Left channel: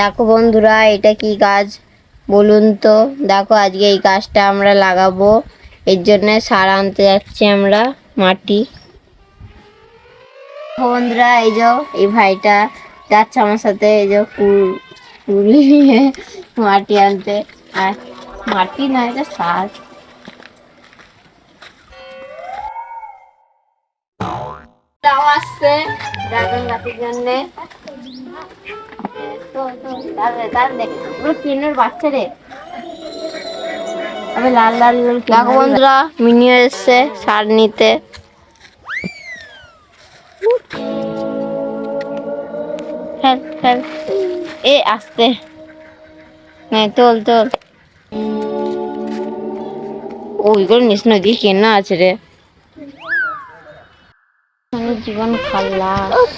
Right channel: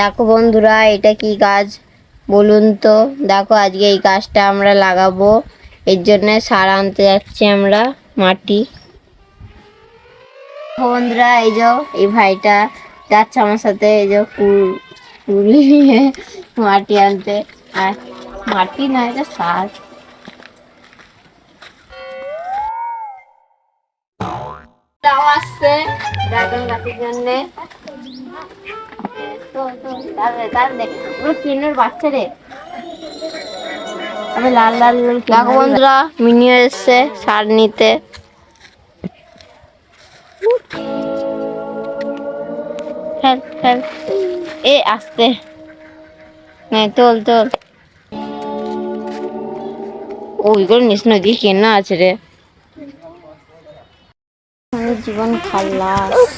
দেখো বন্ধুরা, এটা কি গাছ? বলুন তো। দেখো, আজকে এই গাছটা আমরা লাগাবো। এর জন্য সার আনতে যাচ্ছি আমরা মাটি। বন্ধুরা, এই যে এই ভাইটা যাচ্ছে আমার সাথে, এই যে নিয়ে মাটি আনতে। আর মাটি না, এটা সার। আসছে জন্যে। ট্রেনের বাচ্চা রে। লাল লাল দেখো বন্ধুরা মিনিও এসছে সার নিতে। এ আসতে। তোল তোল। ওইগুলো নিস নদী কেনা আছে রে। জীবন খাল্লাস।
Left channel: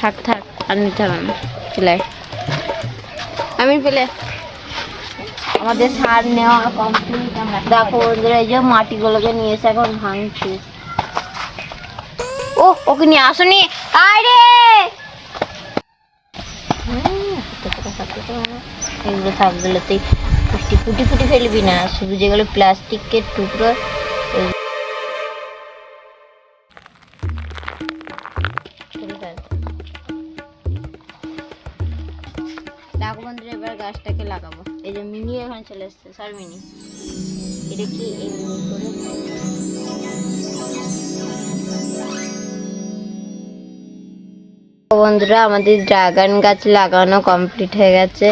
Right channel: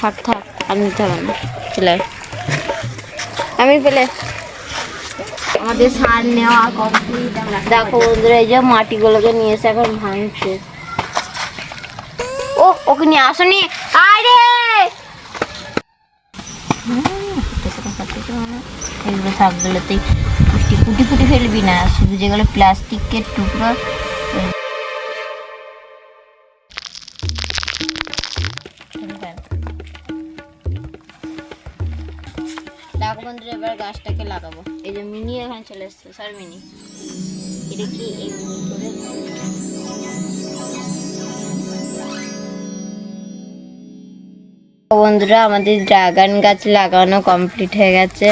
থাক থাক আর নিতে হবে না চলে আমি পেলে আমাদের সার নেওয়া কমপ্লিট আমরা দেখো বন্ধুরা এই যে মাটিগুলোকে নিয়ে এসে এখন ভাঙছে। ও ওকে নিয়ে আসনি? আরে এগুলো সবগুলোতেই কুটি কুটি কুটি ফেলবি না। শুধু যেগুলো প্লাস্টিকের টুকরো দেখো বন্ধুরা এবার গাছটাকে লাগাবো। এই যে মিনি এখানে চলে এসছে, স্যার মিনি। এটা কি বন্ধুরা, আমাদের ড্রাগন গাছ লাগানো কমপ্লিট হয়ে গেছে।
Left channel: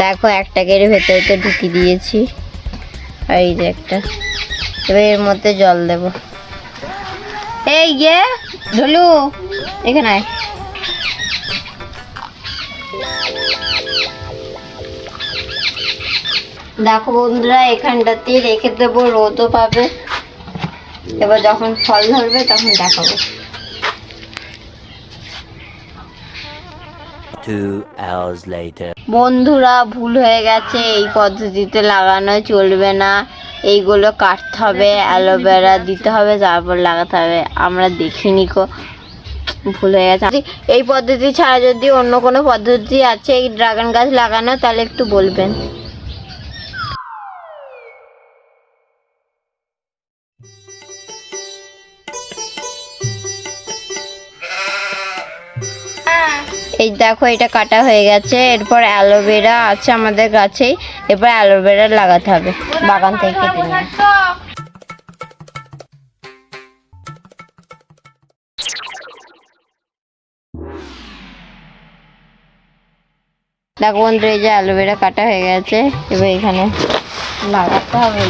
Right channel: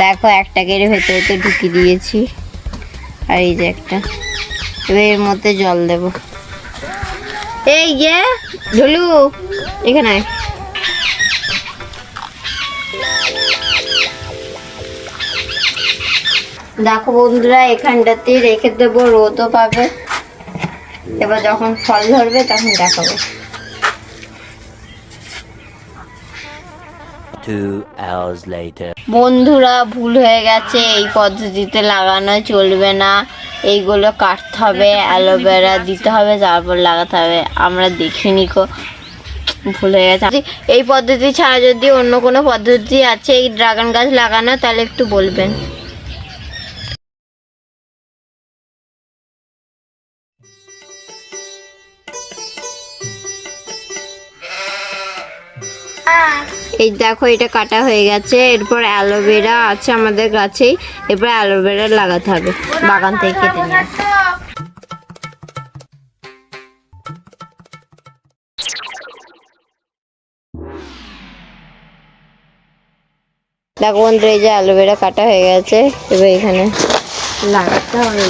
দেখো একটা কেড়ে ভেতরে তো ঢুকিয়ে দিয়েছি। আর এই যে একটা। এবার এর মধ্যে জল দেব। এই যে ঢুলু এখানে। দেখো বন্ধুরা এখানটাতে রেখে দেবো রোদও পাবে। এবার যখন ফল ধরবে তখন দেখাবো। Two hours later. বন্ধুরা ভুল হয়ে গেছে এই পদ্ধতিতে লাগানো চলবে না। এইগুলো কাটতে হবে অ্যালোভেরা দিতে হবে তারপর লাগাতে হবে। আমরা দেখিনি কো ভুল হয়ে গেছে। এই পদ্ধতি ছাড়া যদি অন্য কোনো পদ্ধতি আছে এই ড্রাগন গাছ লাগানো তাহলে একটু বলবেন। এই দেখো, এটা কাটা হয়ে গেছে। এরপর অ্যালোভেরা আছে আমাদের গাছেই। এরপর অ্যালোভেরা লাগাতে হবে। বাগান থেকে দেখো বন্ধু এই যে অ্যালোভেরা কাটা হয়ে গেছে। এবার এখানে লাগাতে হবে।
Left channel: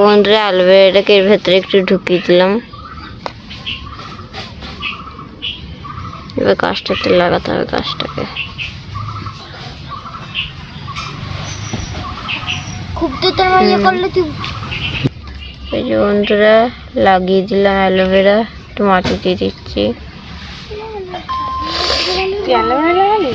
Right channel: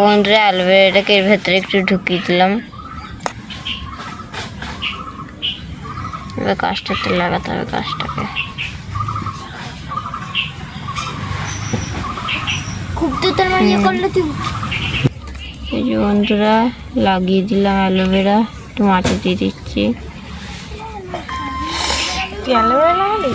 বন্ধুরা অ্যালোভেরাটাকে এর ভেতরে একটু ঢুকিয়ে দিলাম। এবার গাছটাতে লাগাতে হবে গাছটাকে। খুব ইয়ে করলে তুই এই যে বন্ধুরা লাগিয়ে দিলাম অ্যালোভেরা একটু মাটি দিয়ে দিচ্ছি। অ্যালোভেরা লাগালি?